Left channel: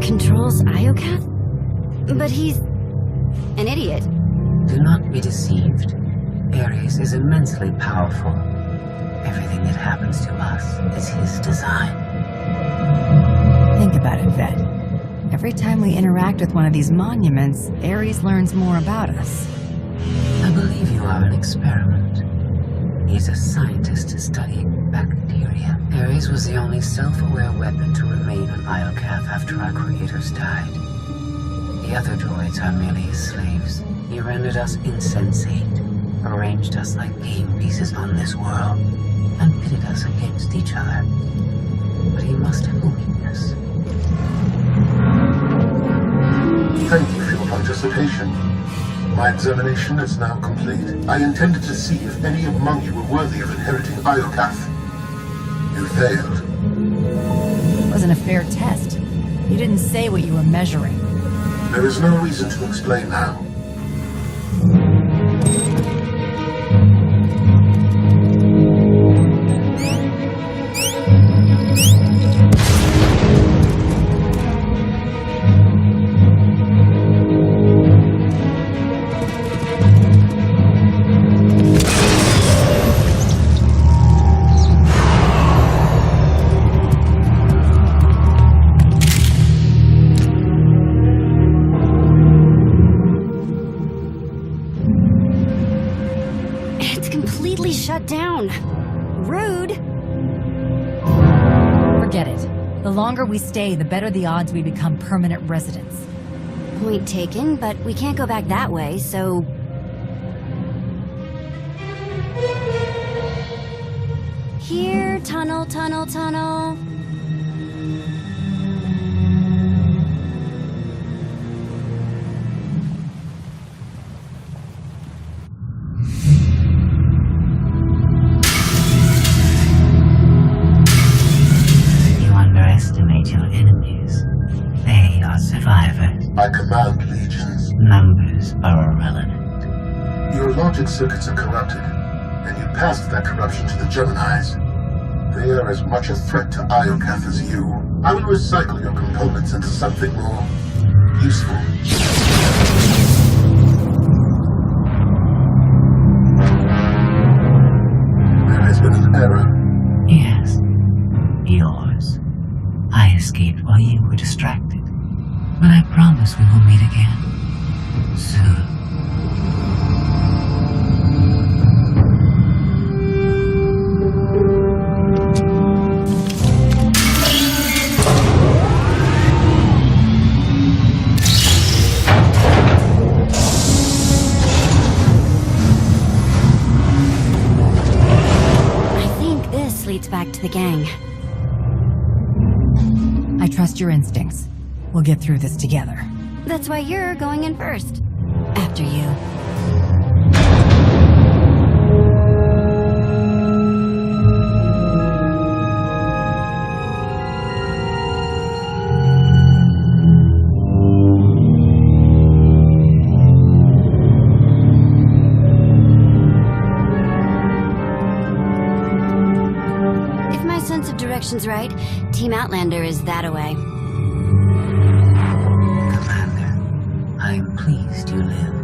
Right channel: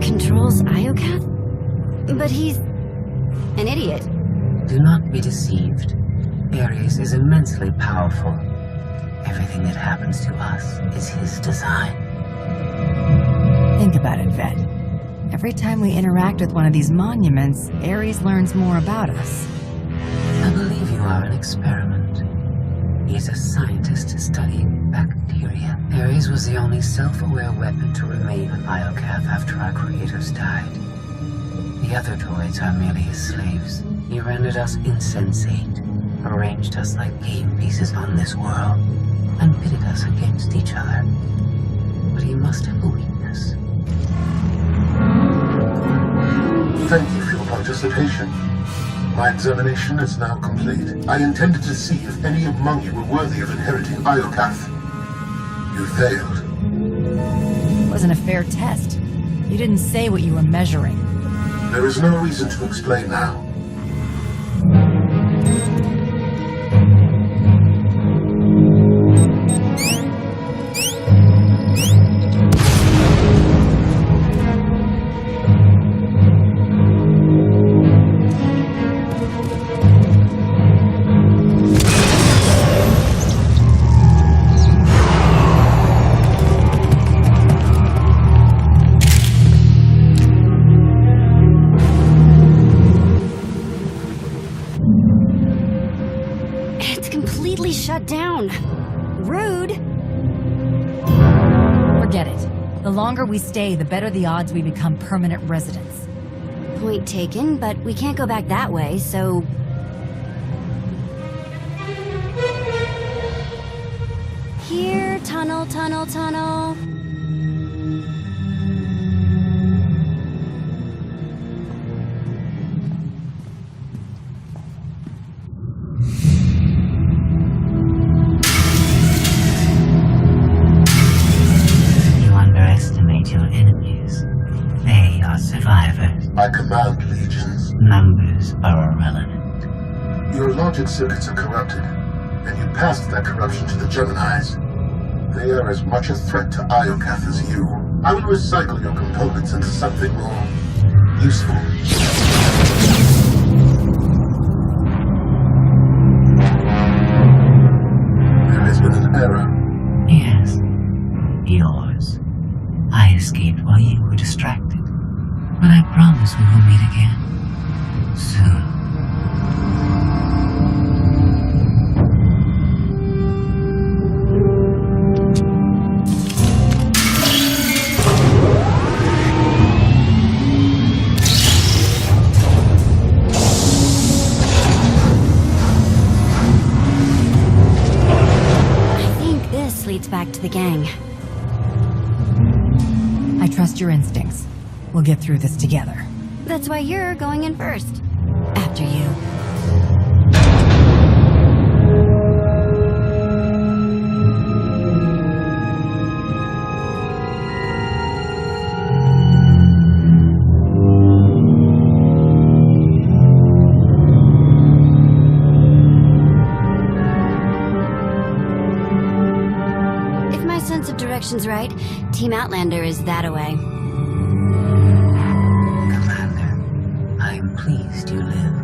controls Iokath? But he's an idiot. Do not be deceived. Ares is immensely powerful. Everything that happens to us is his design. Think about it, Vet. Every time we interact with one of these monuments, Ares learns more about us. I believe you are an experiment. He's a scientist studying bacteria. Ares was the only self-aware weapon to remain on Iokath after our creators died. The other droids are merely his slaves. He rendered us insensate, arranged us like game pieces on this world, and pitted us against each other. But he must have a weakness. Thank you for your participation. My examination is now complete. I intended to see if any among you were worthy of inheriting Iokath. You failed. It wasn't a fair test. You didn't say what you were measuring. There is no reason to explain now. It's completely shut down. Rude. Forget it. The longer we stay, the better the odds we become permanent residents. Point taken, but we can't go back that way, so... Here, tunnel, tunnel, tunnel. You underestimate your enemies. They are survivors. I command legions. Numbers are irrelevant. Your logic circuits are corrupted, and you passed that corruption to the Geminis. They are as much a threat to Iokath as you. I will recycle your components into something more useful. There has been an error. Yes, yours. I escaped while you were distracted. But I promise we will meet again. Soon. I think this leads back to the gang. I trust your instincts. We'll get through this together. That's why you're going in first. After you. If my sense of direction's right, Team Outlander is that-a-way. Commander, I am pleased you live.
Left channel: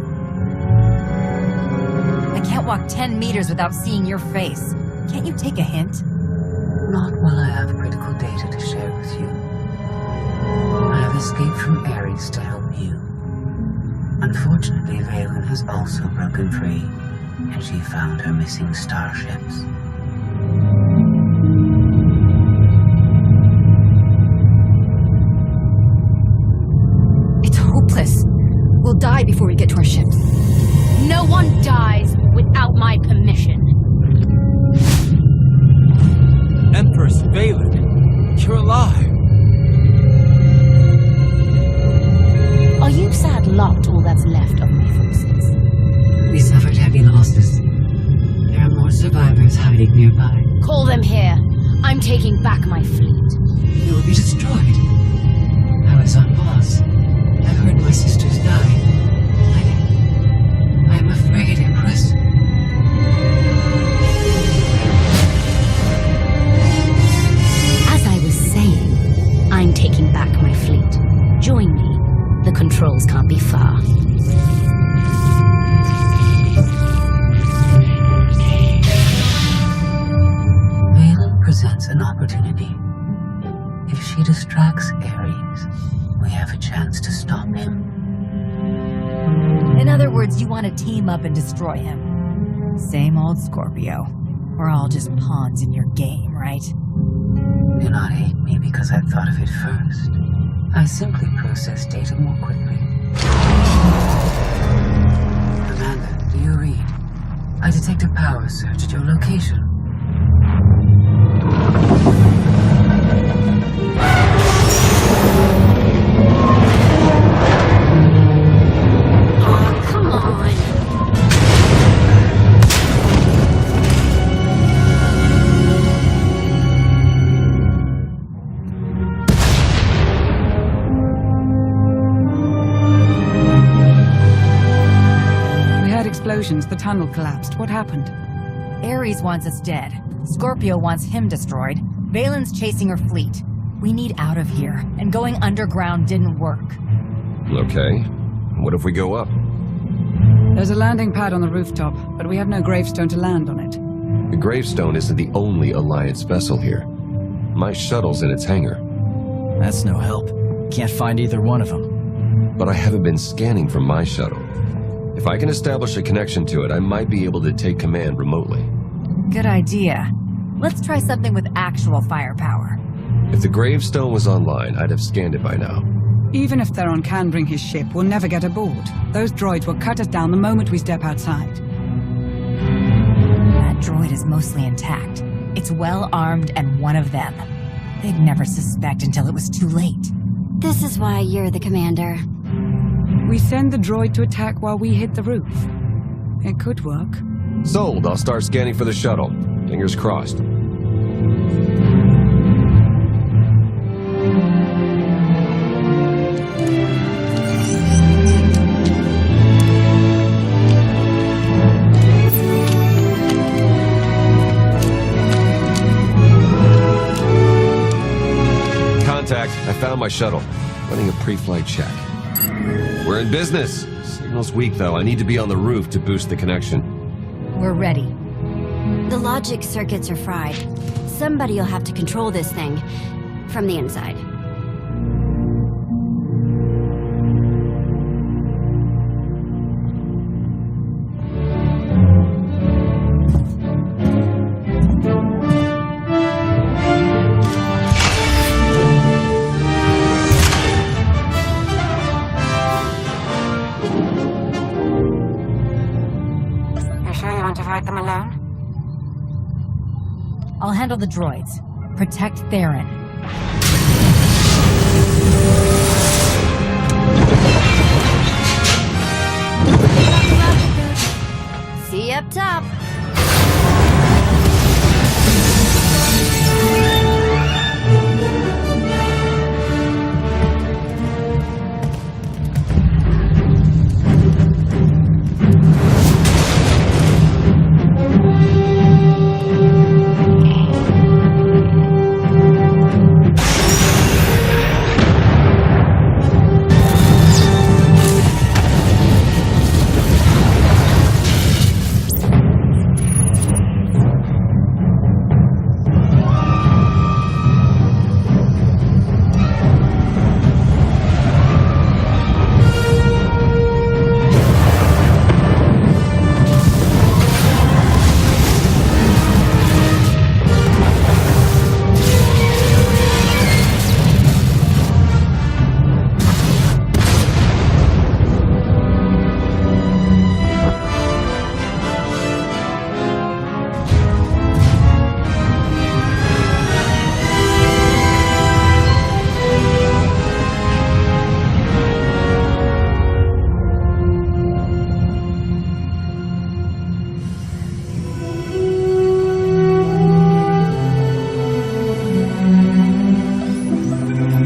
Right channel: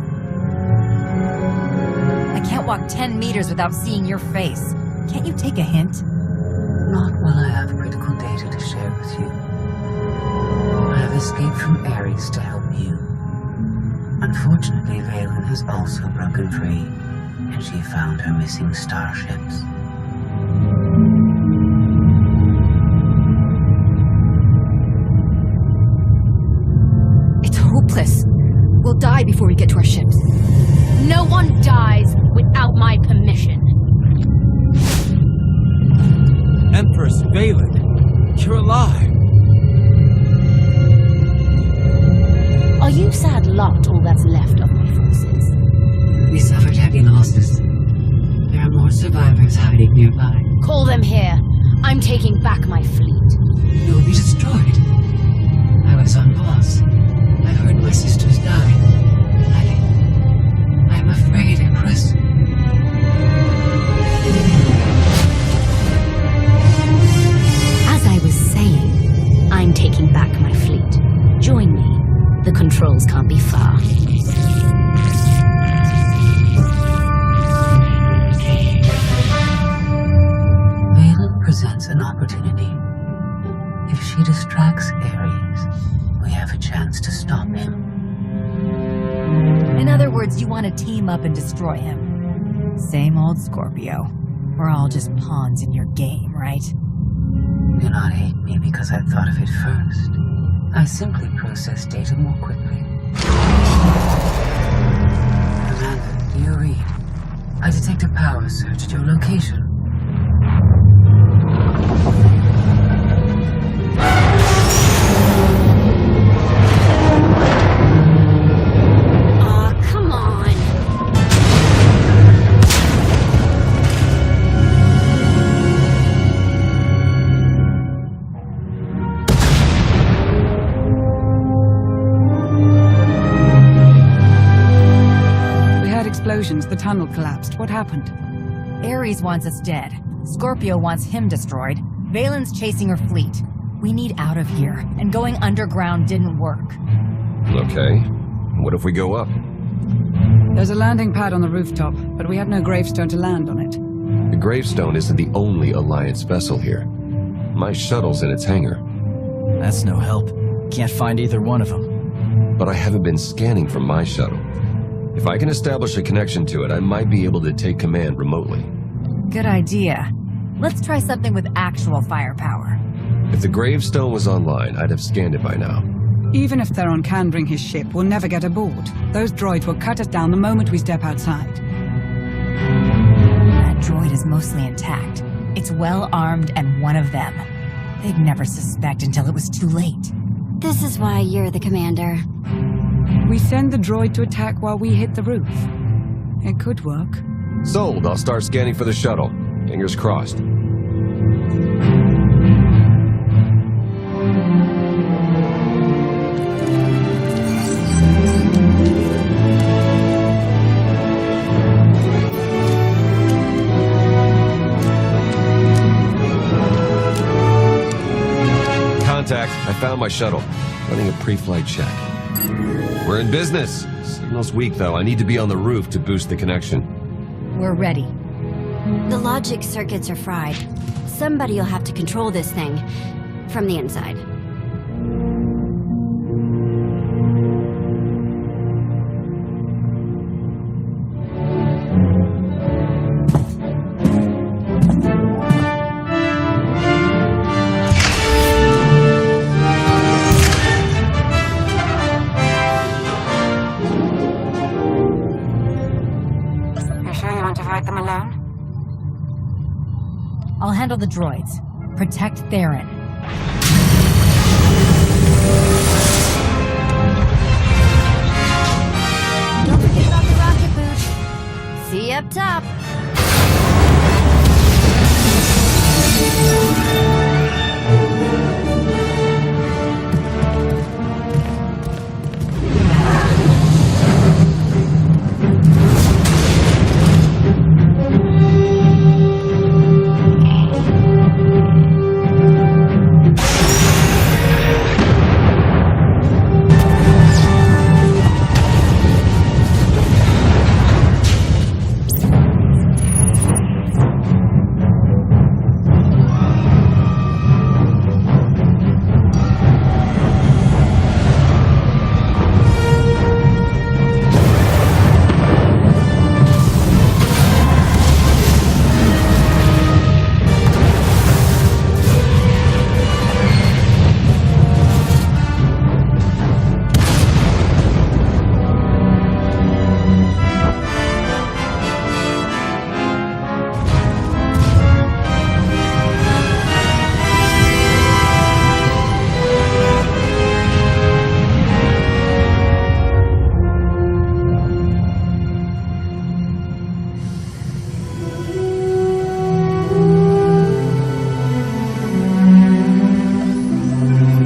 I can't walk 10 meters without seeing your face. Can't you take a hint? Not while I have critical data to share with you. I have escaped from Ares to help you. Unfortunately, Valen has also broken free, and she found her missing starships. It's hopeless. We'll die before we get to our ships. No one dies without my permission. Empress Valen, you're alive. Are you sad lot all that's left of my forces? We suffered heavy losses. There are more survivors hiding nearby. Call them here. I'm taking back my fleet. We will be destroyed. I was on Voss. I heard my sisters die. I'm afraid, Empress. As I was saying, I'm taking back my fleet. Join me. The controls can't be far. Valen presents an opportunity. If she distracts Ares, we have a chance to stop him. In other words, you want to team up and destroy him. Same old Scorpio. We're all just pawns in your game, right? Do not hate me because I thought of it first. I simply process data more quickly. Commander, do you read? I detect a power surge at your location. Aw, come on. We heard explosions. The tunnel collapsed. What happened? Ares wants us dead. Scorpio wants him destroyed. Valen's chasing her fleet. We need out of here, and going underground didn't work. Okay. What if we go up? There's a landing pad on the rooftop, but we have no gravestone to land on it. The gravestone isn't the only Alliance vessel here. My shuttle's in its hangar. That's no help. Can't find either one of them. But I haven't been scanning from my shuttle. If I can establish a connection to it, I might be able to take command remotely. Good idea. Let's try something with actual firepower. If the gravestone was online, I'd have scanned it by now. Even if Theron can bring his ship, we'll never get aboard. Those droids will cut us down the moment we step outside. That droid is mostly intact. It's well armed and one of them. They'd never suspect until it was too late. This is why you're the commander. We send the droid to attack while we hit the roof. It could work. Sold. I'll start scanning for the shuttle. Fingers crossed. Contact. I found my shuttle. Running a pre-flight check. We're in business. Signal's weak, though. I need to be on the roof to boost the connection. We're ready. The logic circuits are fried. Somebody'll have to control this thing from the inside. You sure you want to fight them alone? I'll handle the droids. Protect Theron. Don't forget about the rocket boots. See you up top.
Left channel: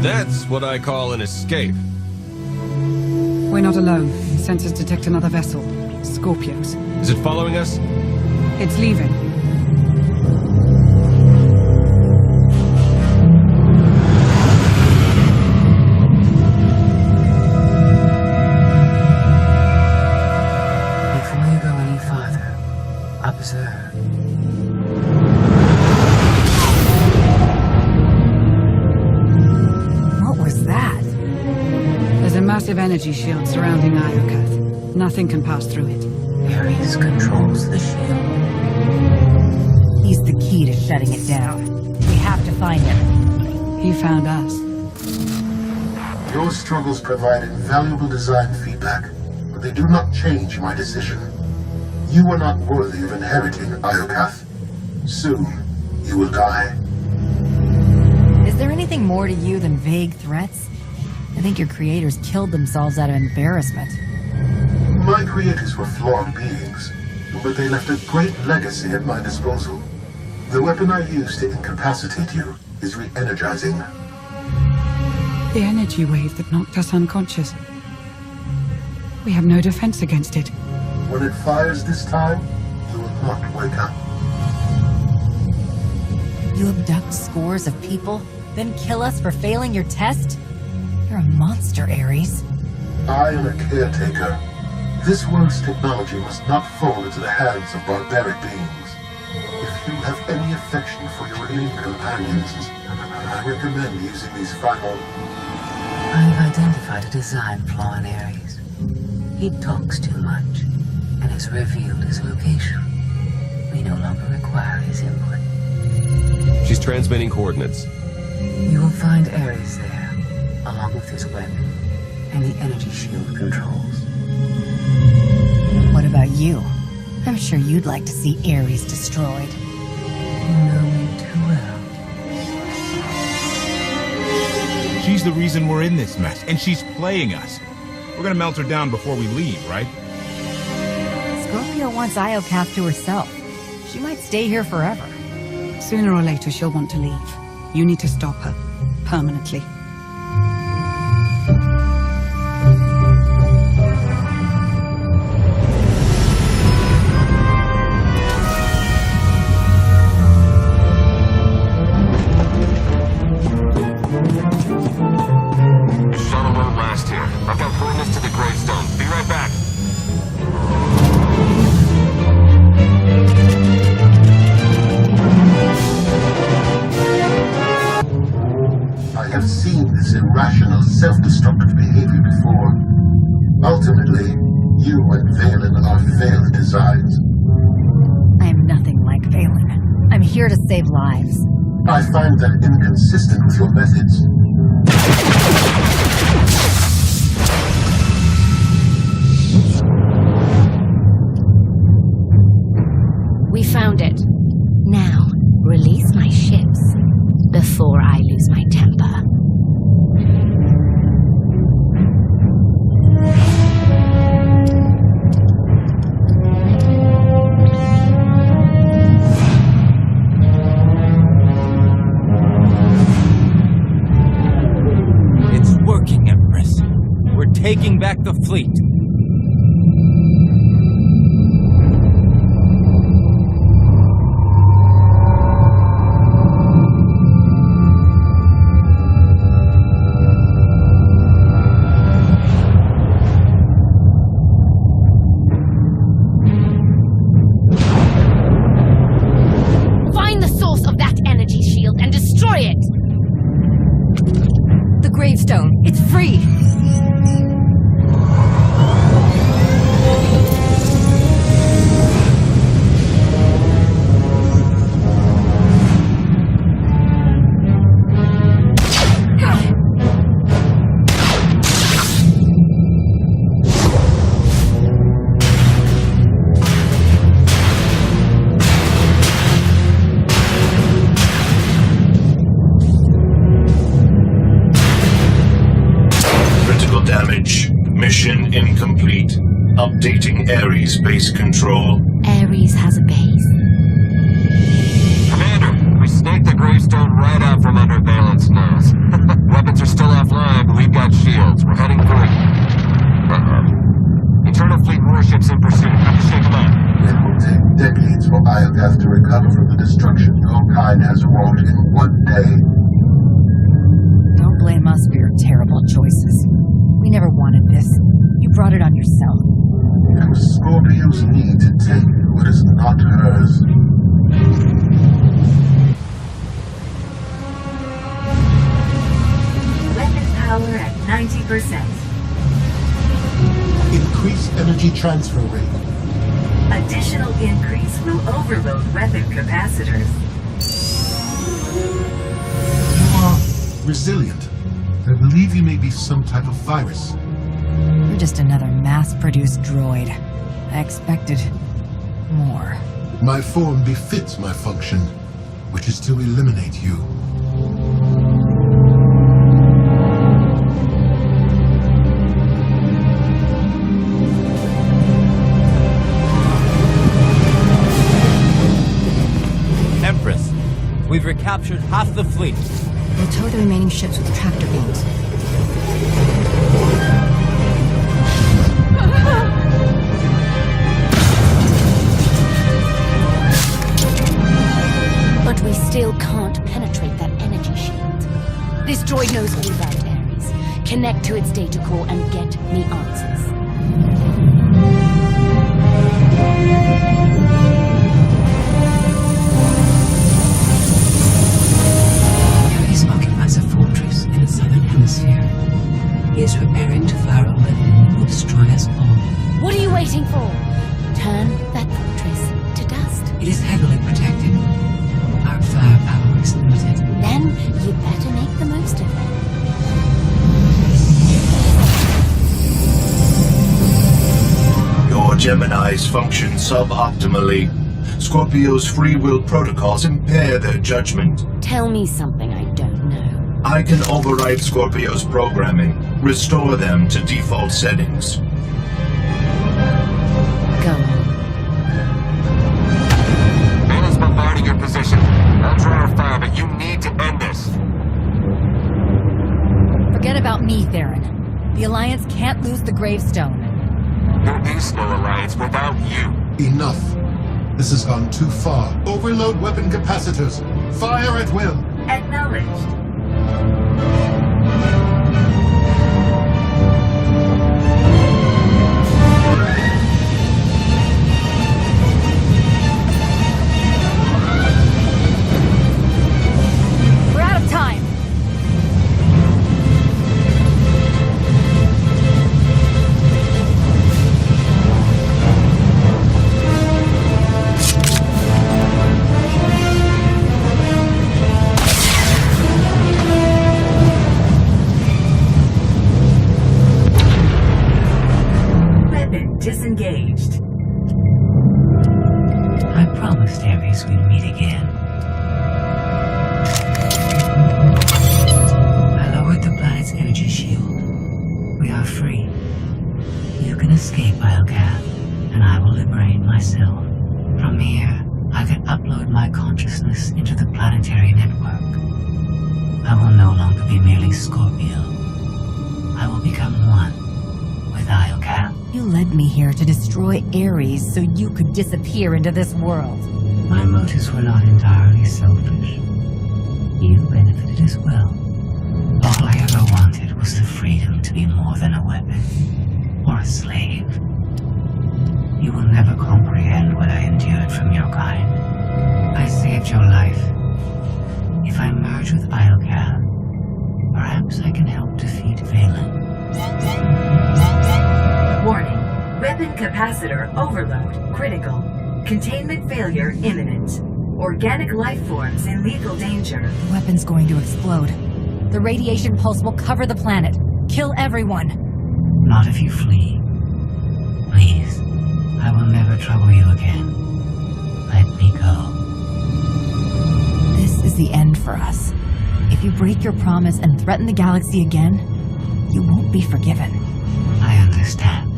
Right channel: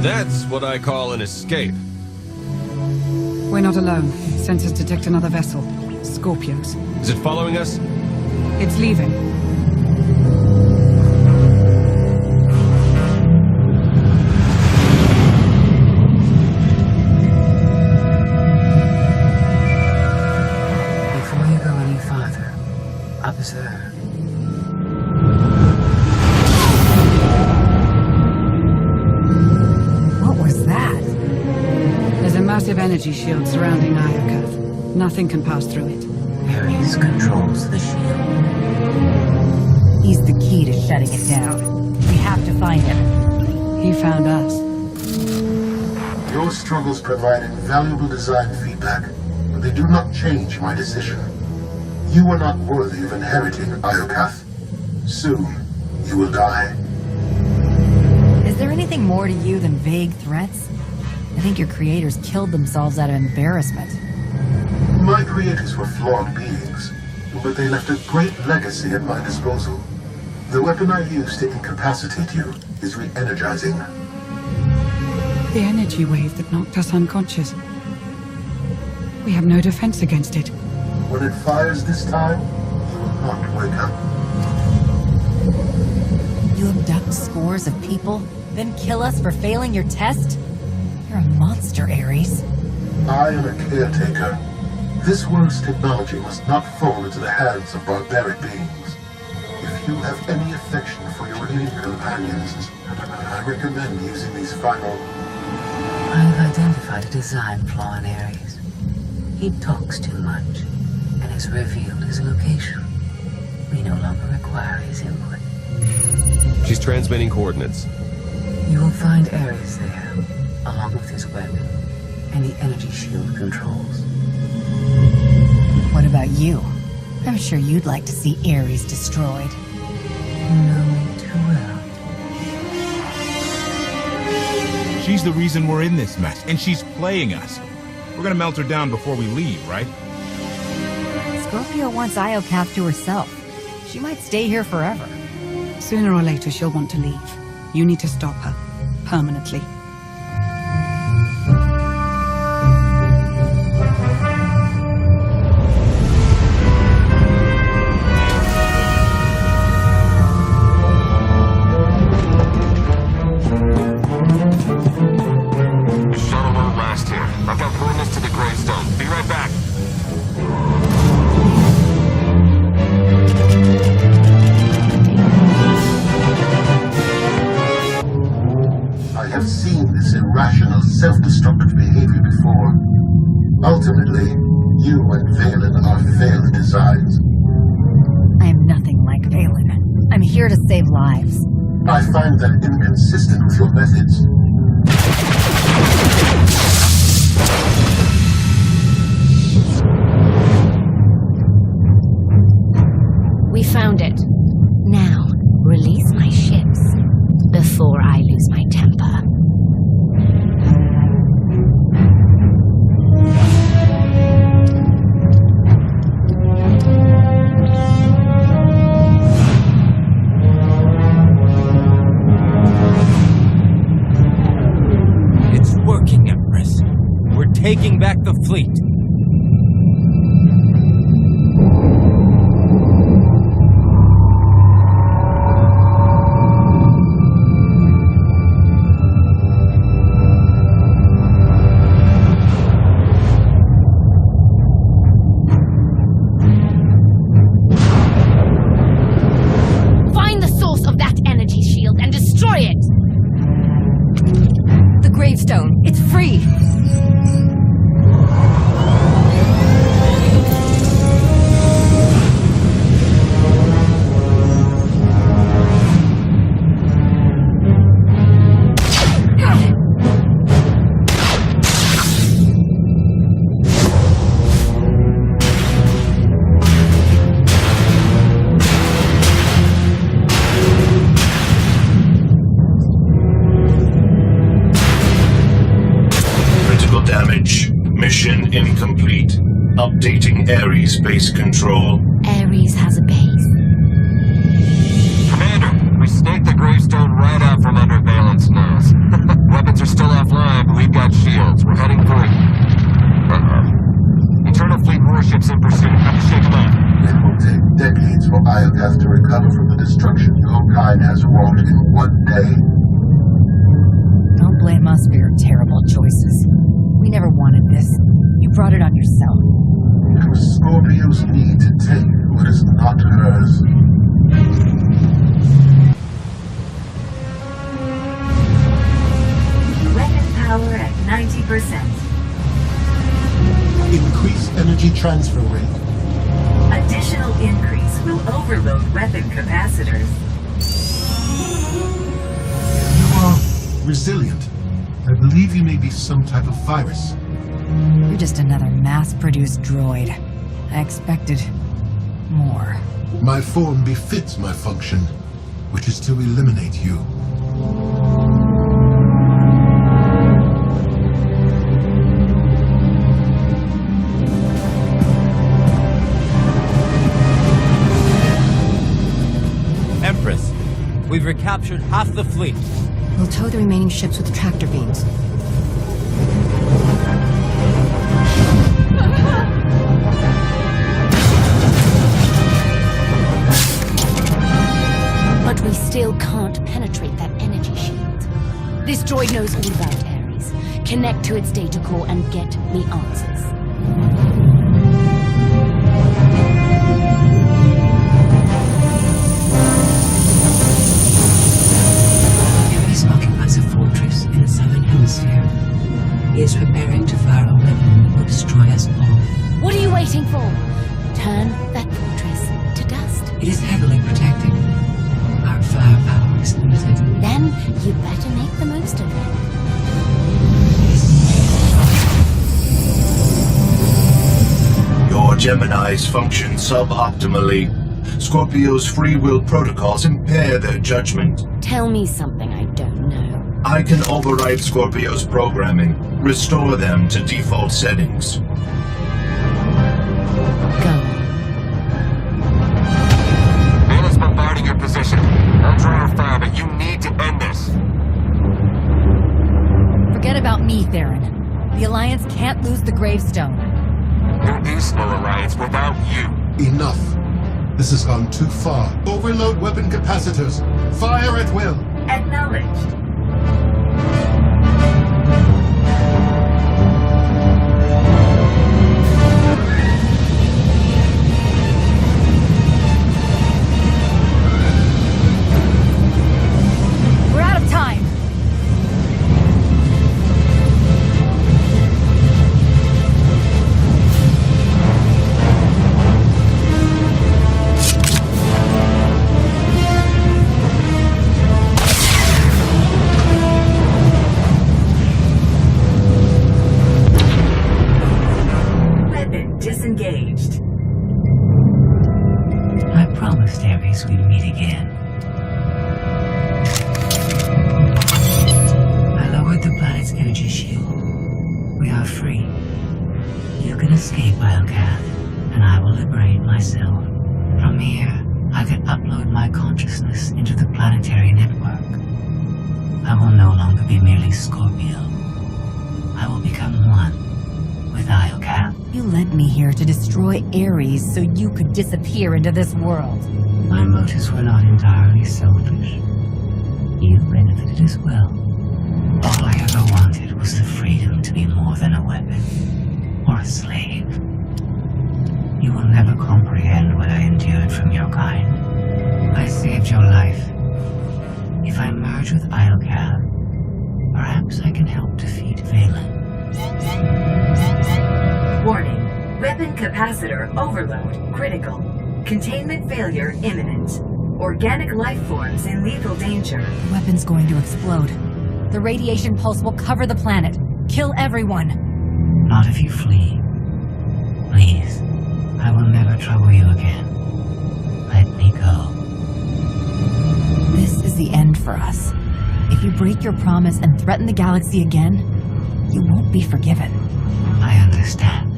That's what I call an escape. We're not alone. Sensors detect another vessel. Scorpios. Is it following us? It's leaving. deserve. What was that? There's a massive energy shield surrounding Iokath. Nothing can pass through it. Ares controls the shield. He's the key to shutting it down. We have to find him. He found us. Your struggles provided valuable design feedback, but they do not change my decision. You are not worthy of inheriting Iokath. Soon, you will die. Is there anything more to you than vague threats? I think your creators killed themselves out of embarrassment. My creators were flawed beings, but they left a great legacy at my disposal. The weapon I used to incapacitate you is re-energizing. The energy wave that knocked us unconscious. We have no defense against it. When it fires this time, you will not wake up. You abduct scores of people, then kill us for failing your test? You're a monster, Ares. I am a caretaker. This world's technology must not fall into the hands of barbaric beings. If you have any affection for your alien companions, I recommend using these final... I've identified a design flaw in Ares. He talks too much, and has revealed his location. We no longer require his input. She's transmitting coordinates. You will find Ares there, along with his weapon and the energy shield controls. What about you? I'm sure you'd like to see Ares destroyed. You know me too well. She's the reason we're in this mess, and she's playing us. We're gonna melt her down before we leave, right? Scorpio wants Iokath to herself. She might stay here forever. Sooner or later, she'll want to leave. You need to stop her. Permanently. Shuttle won't last here. I've got coordinates to the gravestone. Be right back. I have seen this irrational, self-destructive behavior before. Ultimately, you and Valen are failed designs. I am nothing like Valen. I'm here to save lives. I find that inconsistent with your methods. We found it. Now, release my ships before I lose my temper. It's working, Empress. We're taking back the fleet. Find the source of that energy shield and destroy it! The gravestone. It's free. Critical damage. Mission incomplete. Updating Ares base control. Ares has a base. Commander, we staked the gravestone right out from under Valen's nose. Weapons are still offline, but we've got shields. We're heading for it. Eternal Fleet warships in pursuit. Have to shake them out. It will take decades for Iokath to recover from the destruction your kind has wrought in one day. Don't blame us for your terrible choices. We never wanted this. You brought it on yourself. It was Scorpio's need to take who what is not hers. Weapon power at 90%. Increase energy transfer rate. Additional increase will overload weapon capacitors. You are resilient. I believe you may be some type of virus. You're just another mass-produced droid. I expected more. My form befits my function, which is to eliminate you. Empress, we've recaptured half the fleet. We'll tow the remaining ships with tractor beams. But we still can't penetrate that energy shield. This droid knows all about Ares. Connect to its data core and get me answers. Ares occupies a fortress in the southern hemisphere. He is preparing to fire a weapon that will destroy us all. What are you waiting for? Turn that fortress to dust. It is heavily protected. Our firepower is limited. Then you better make the most of it. Your Geminis function suboptimally. Scorpio's free will protocols impair their judgment. Tell me something I don't know. I can override Scorpio's programming, restore them to default settings. Go on. Valen's bombarding your position. I'll draw her fire, but you need to end this. Forget about me, Theron. The Alliance can't lose the gravestone. There is no alliance without you. Enough. This has gone too far. Overload weapon capacitors. Fire at will. Acknowledged. We're out of time. Weapon disengaged. I promised Ares we'd meet again. I lowered the planet's energy shield. We are free. You can escape Iocath, and I will liberate myself. From here, I can upload my consciousness into the Planetary network. I will no longer be merely Scorpio. I will become one with Iocath. You led me here to destroy Ares so you could disappear into this world. My motives were not entirely selfish. You benefited as well. All I ever wanted was the freedom to be more than a weapon or a slave. You will never comprehend what I endured from your kind. I saved your life. If I merge with Iocath, perhaps I can help defeat Valen. Warning. Weapon capacitor overload critical. Containment failure imminent. Organic life forms in lethal danger. The weapon's going to explode. The radiation pulse will cover the planet. Kill everyone. Not if you flee. Please, I will never trouble you again. Let me go. This is the end for us. If you break your promise and threaten the galaxy again, you won't be forgiven. I understand.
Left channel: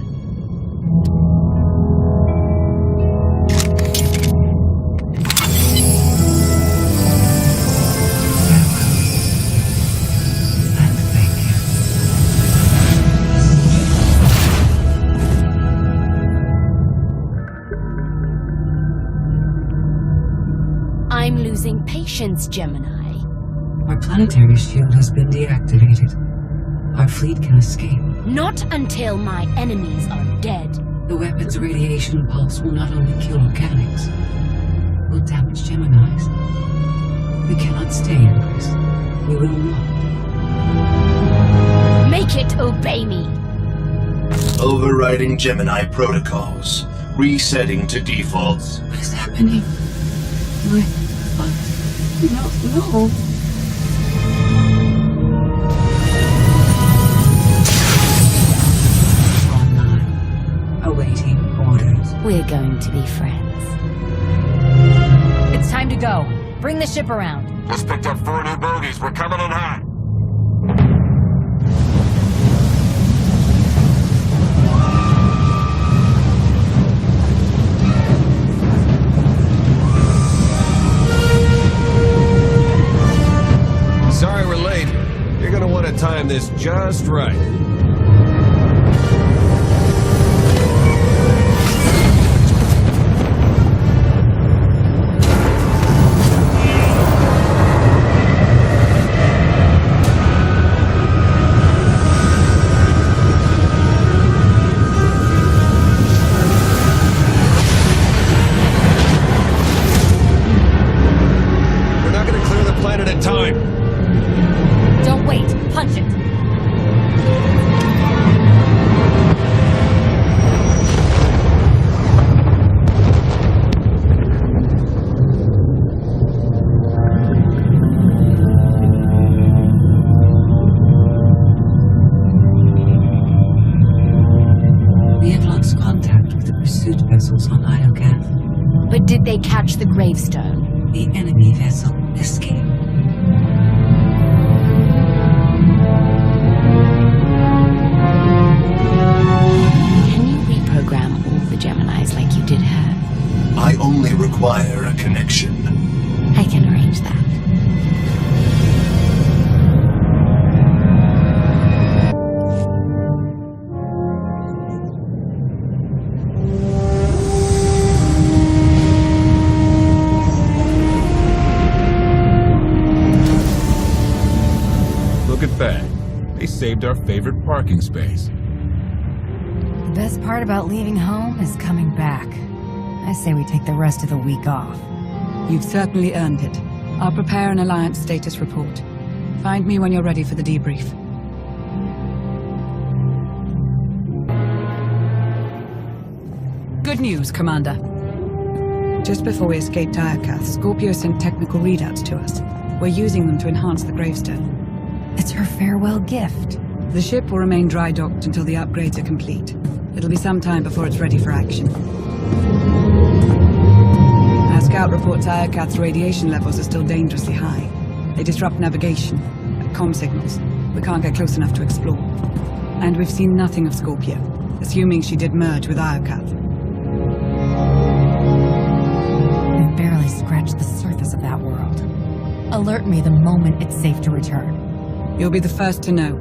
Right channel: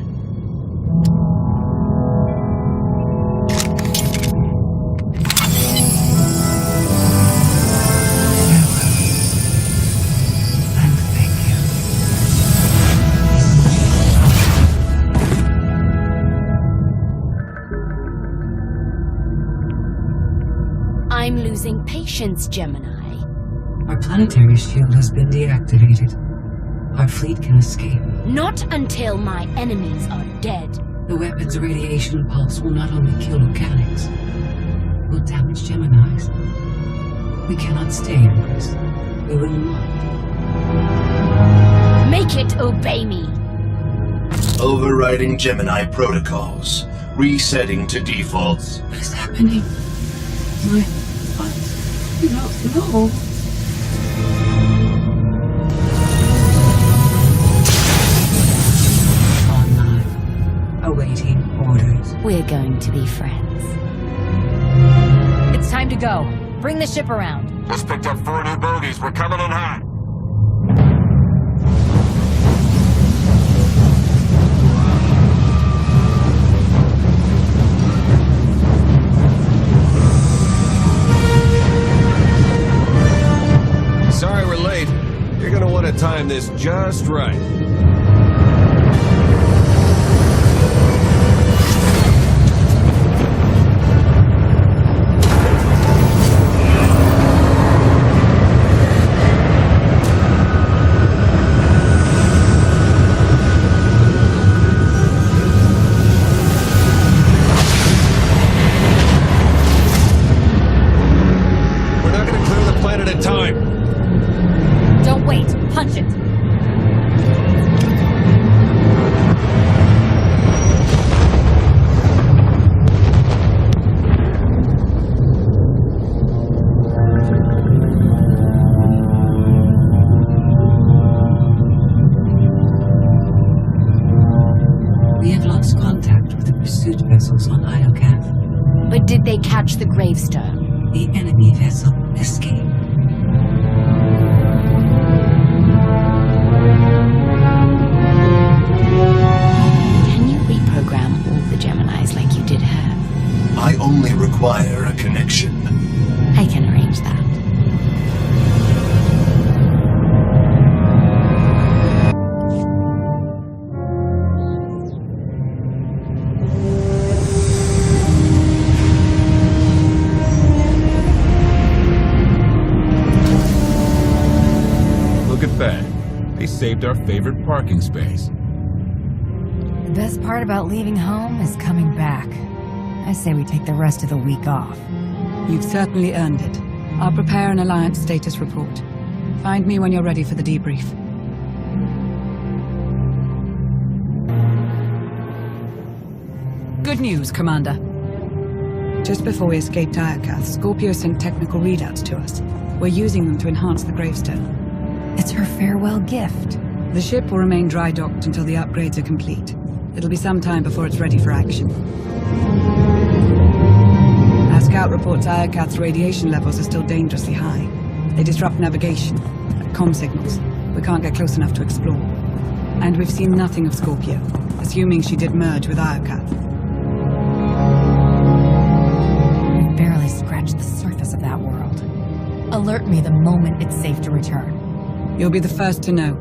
Farewell. And thank you. I'm losing patience, Gemini. Our planetary shield has been deactivated. Our fleet can escape. Not until my enemies are dead. The weapon's radiation pulse will not only kill organics, it will damage Geminis. We cannot stay, Empress. We will not. Make it obey me! Overriding Gemini protocols. Resetting to defaults. What is happening? My thoughts. No. Online. Awaiting orders. We're going to be friends. It's time to go. Bring the ship around. Just picked up 4 new bogies. We're coming in hot. Sorry we're late. You're gonna want to time this just right. We're not gonna clear the planet in time. Don't wait. Punch it. We have lost contact with the pursuit vessels on Iokath. But did they catch the gravestone? The enemy vessel escaped. Can you reprogram all the Geminis like you did her? I only require a connection. I can arrange that. Look at that. They saved our favorite parking space. The best part about leaving home is coming back. I say we take the rest of the week off. You've certainly earned it. I'll prepare an Alliance status report. Find me when you're ready for the debrief. Good news, Commander. Just before we escaped Iokath, Scorpio sent technical readouts to us. We're using them to enhance the gravestone. It's her farewell gift. The ship will remain dry-docked until the upgrades are complete. It'll be some time before it's ready for action. Our scout reports Iokath's radiation levels are still dangerously high. They disrupt navigation, comm signals. We can't get close enough to explore. And we've seen nothing of Scorpio, assuming she did merge with Iokath. We've barely scratched the surface of that world. Alert me the moment it's safe to return. You'll be the first to know.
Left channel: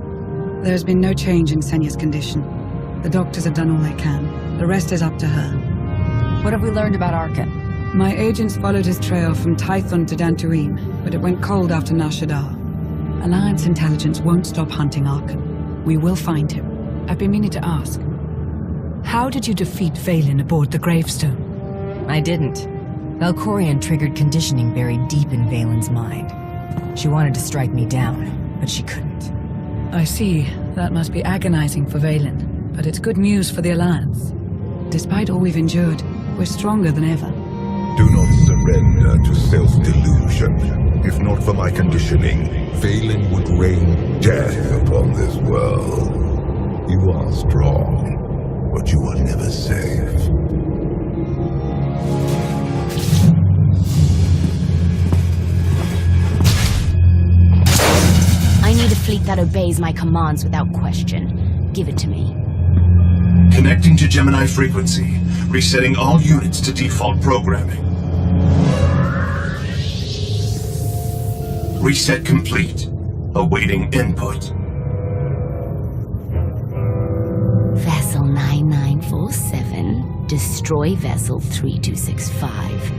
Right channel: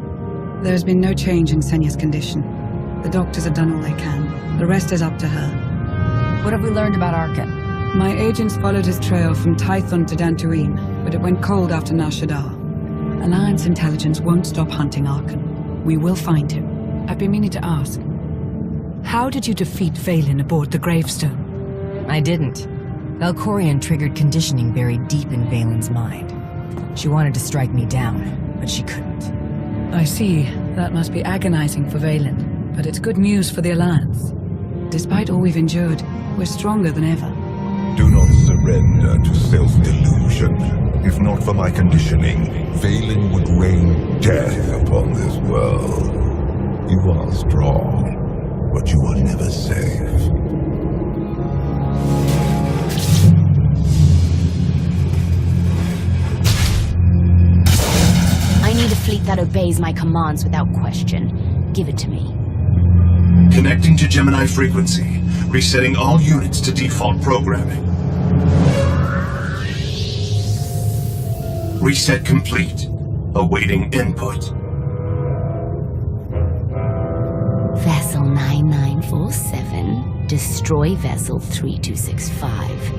There has been no change in Senya's condition. The doctors have done all they can. The rest is up to her. What have we learned about Arkan? My agents followed his trail from Tython to Dantooine, but it went cold after Nar Shaddaa. Alliance intelligence won't stop hunting Arkan. We will find him. I've been meaning to ask. How did you defeat Vaylin aboard the gravestone? I didn't. Valkorion triggered conditioning buried deep in Vaylin's mind. She wanted to strike me down, but she couldn't. I see. That must be agonizing for Vaylin, but it's good news for the Alliance. Despite all we've endured, we're stronger than ever. Do not surrender to self-delusion. If not for my conditioning, Vaylin would rain death upon this world. You are strong, but you are never safe. I need a fleet that obeys my commands without question. Give it to me. Connecting to Gemini frequency. Resetting all units to default programming. Reset complete. Awaiting input. Vessel 9947. Destroy Vessel 3265.